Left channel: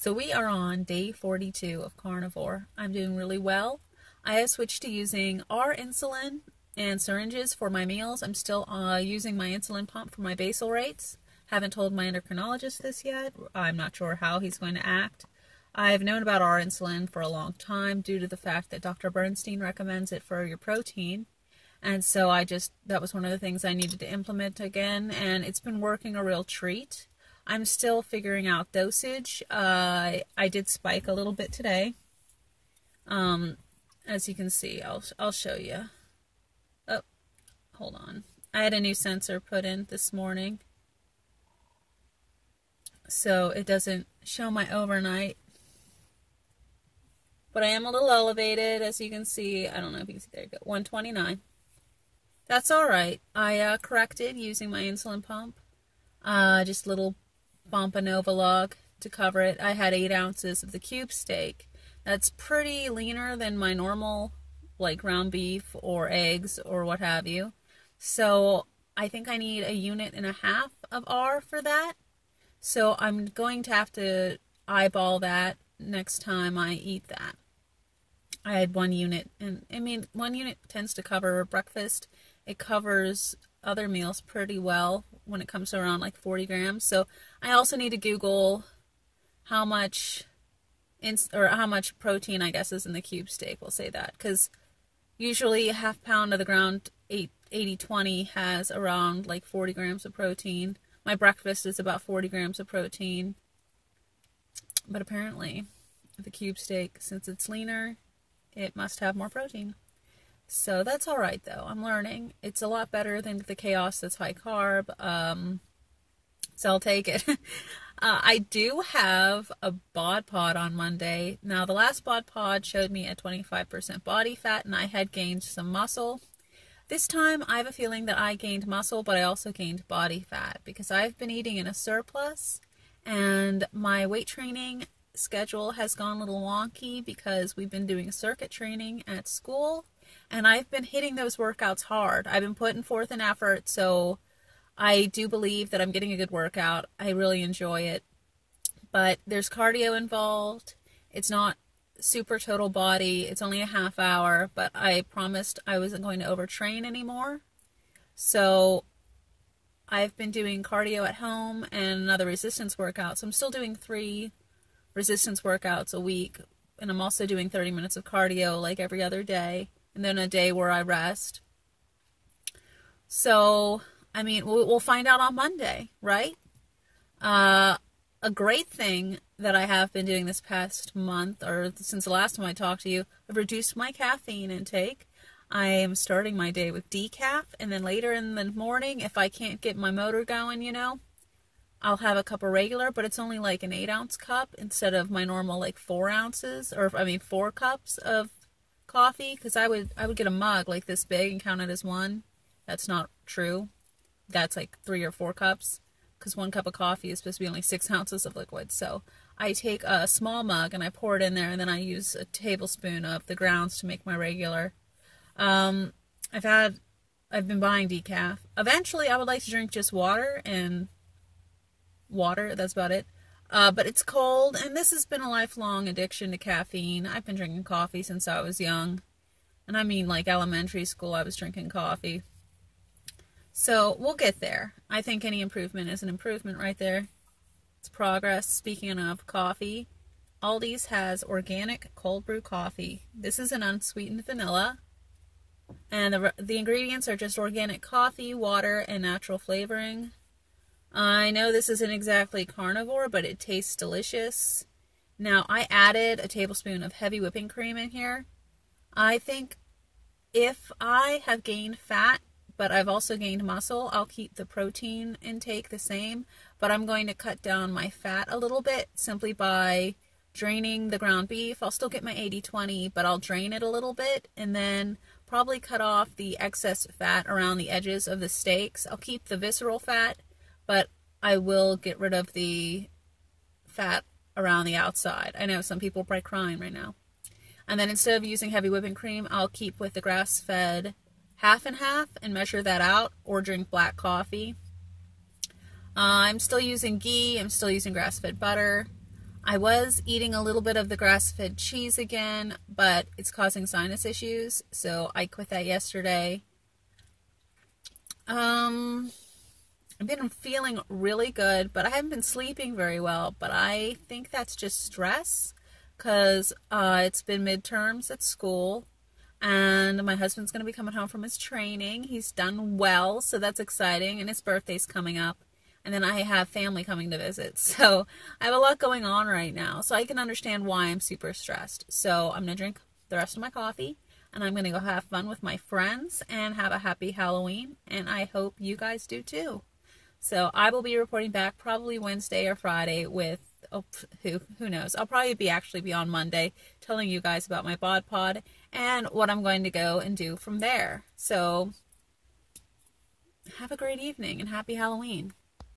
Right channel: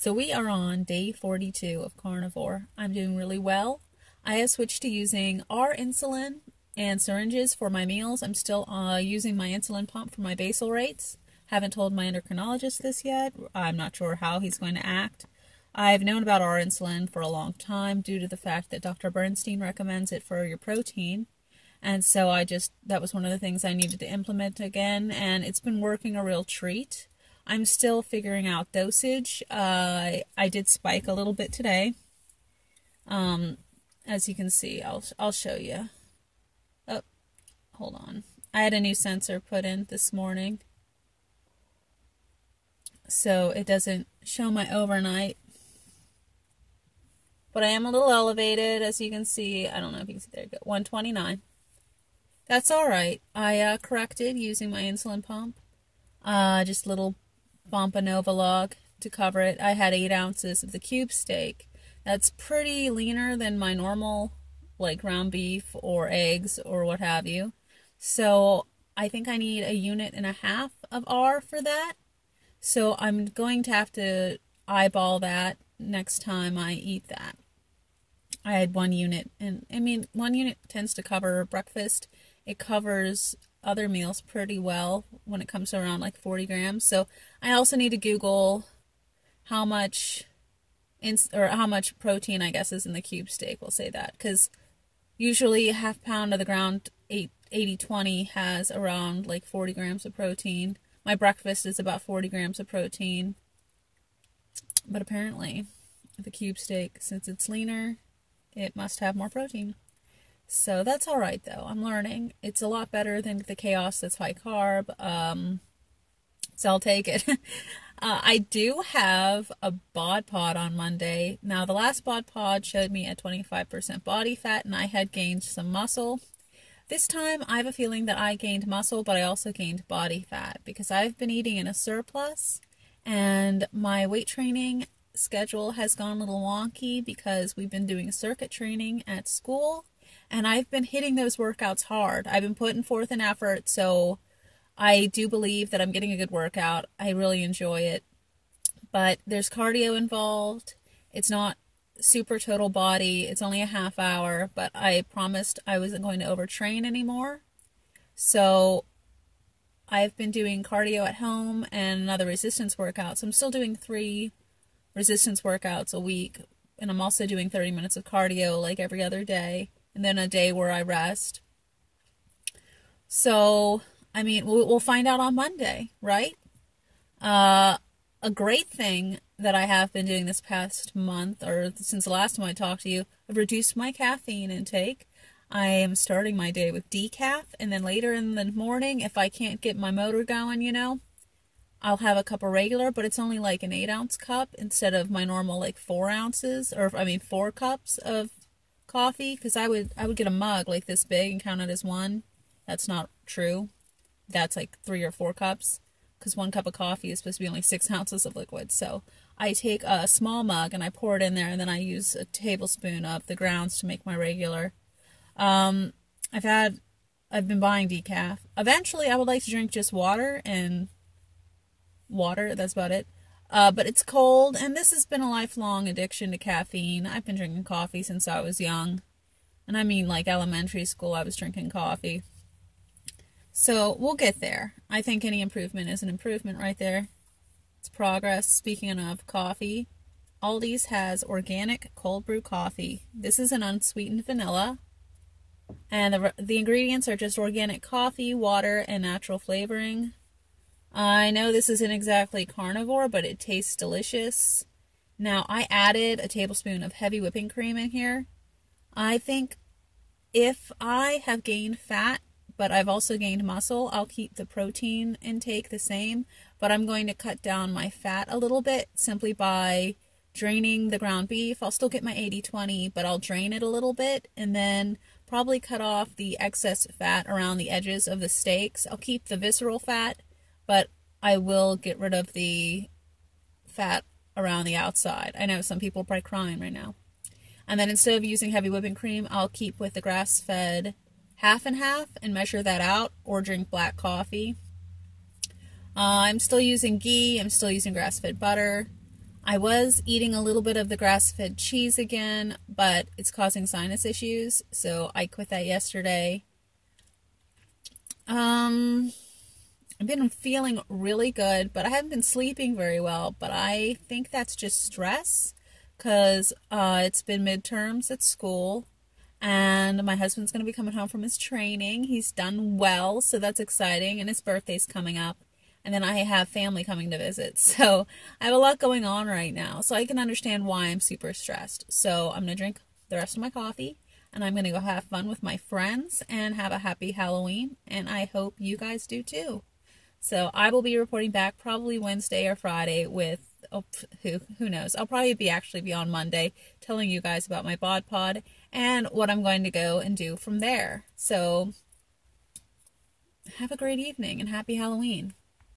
So we are on day 42 of carnivore. I'm doing really well. I have switched to using our insulin and syringes for my meals. I'm still using my insulin pump for my basal rates. Haven't told my endocrinologist this yet. I'm not sure how he's going to act. I've known about our insulin for a long time due to the fact that Dr. Bernstein recommends it for your protein. And so that was one of the things I needed to implement again, and it's been working a real treat. I'm still figuring out dosage. I did spike a little bit today. As you can see, I'll show you. Oh, hold on. I had a new sensor put in this morning, so it doesn't show my overnight. But I am a little elevated, as you can see. I don't know if you can see. There you go. 129. That's all right. I corrected using my insulin pump. Just a little Bompanova log to cover it. I had 8 ounces of the cube steak. That's pretty leaner than my normal, like ground beef or eggs or what have you. So I think I need 1.5 units of R for that. So I'm going to have to eyeball that next time I eat that. I had 1 unit, and I mean, 1 unit tends to cover breakfast. It covers other meals pretty well when it comes to around like 40 grams. So I also need to Google how much protein, I guess, is in the cube steak. We'll say that, because usually a half pound of the ground 80-20 has around like 40 grams of protein. My breakfast is about 40 grams of protein. But apparently the cube steak, since it's leaner, it must have more protein. So that's all right, though. I'm learning. It's a lot better than the chaos that's high carb. So I'll take it. I do have a bod pod on Monday. Now, the last bod pod showed me at 25% body fat, and I had gained some muscle. This time, I have a feeling that I gained muscle, but I also gained body fat because I've been eating in a surplus, and my weight training schedule has gone a little wonky because we've been doing circuit training at school. And I've been hitting those workouts hard. I've been putting forth an effort, so I do believe that I'm getting a good workout. I really enjoy it. But there's cardio involved. It's not super total body. It's only a half hour, but I promised I wasn't going to overtrain anymore. So I've been doing cardio at home and another resistance workout. So I'm still doing 3 resistance workouts a week, and I'm also doing 30 minutes of cardio like every other day. And then a day where I rest. So, I mean, we'll find out on Monday, right? A great thing that I have been doing this past month, or since the last time I talked to you, I've reduced my caffeine intake. I am starting my day with decaf, and then later in the morning, if I can't get my motor going, I'll have a cup of regular, but it's only like an 8-ounce cup instead of my normal like 4 ounces, or 4 cups of coffee, because I would get a mug like this big and count it as one. That's not true. That's like 3 or 4 cups, because 1 cup of coffee is supposed to be only 6 ounces of liquid. So I take a small mug and I pour it in there, and then I use a tablespoon of the grounds to make my regular. I've been buying decaf. Eventually I would like to drink just water, that's about it. But it's cold, and this has been a lifelong addiction to caffeine. I've been drinking coffee since I was young. And I mean, like elementary school, I was drinking coffee. So we'll get there. I think any improvement is an improvement right there. It's progress. Speaking of coffee, Aldi's has organic cold brew coffee. This is an unsweetened vanilla. And the ingredients are just organic coffee, water, and natural flavoring. I know this isn't exactly carnivore, but it tastes delicious. Now, I added a tablespoon of heavy whipping cream in here. I think if I have gained fat, but I've also gained muscle, I'll keep the protein intake the same, but I'm going to cut down my fat a little bit simply by draining the ground beef. I'll still get my 80-20, but I'll drain it a little bit, and then probably cut off the excess fat around the edges of the steaks. I'll keep the visceral fat, but I will get rid of the fat around the outside. I know some people are probably crying right now. And then instead of using heavy whipping cream, I'll keep with the grass-fed half and half and measure that out, or drink black coffee. I'm still using ghee. I'm still using grass-fed butter. I was eating a little bit of the grass-fed cheese again, but it's causing sinus issues, so I quit that yesterday. I've been feeling really good, but I haven't been sleeping very well, but I think that's just stress because it's been midterms at school, and my husband's going to be coming home from his training. He's done well, so that's exciting, and his birthday's coming up, and then I have family coming to visit, so I have a lot going on right now, so I can understand why I'm super stressed. So I'm going to drink the rest of my coffee, and I'm going to go have fun with my friends and have a happy Halloween, and I hope you guys do too. So I will be reporting back probably Wednesday or Friday with, who knows. I'll probably be on Monday telling you guys about my bod pod and what I'm going to go and do from there. So have a great evening and happy Halloween.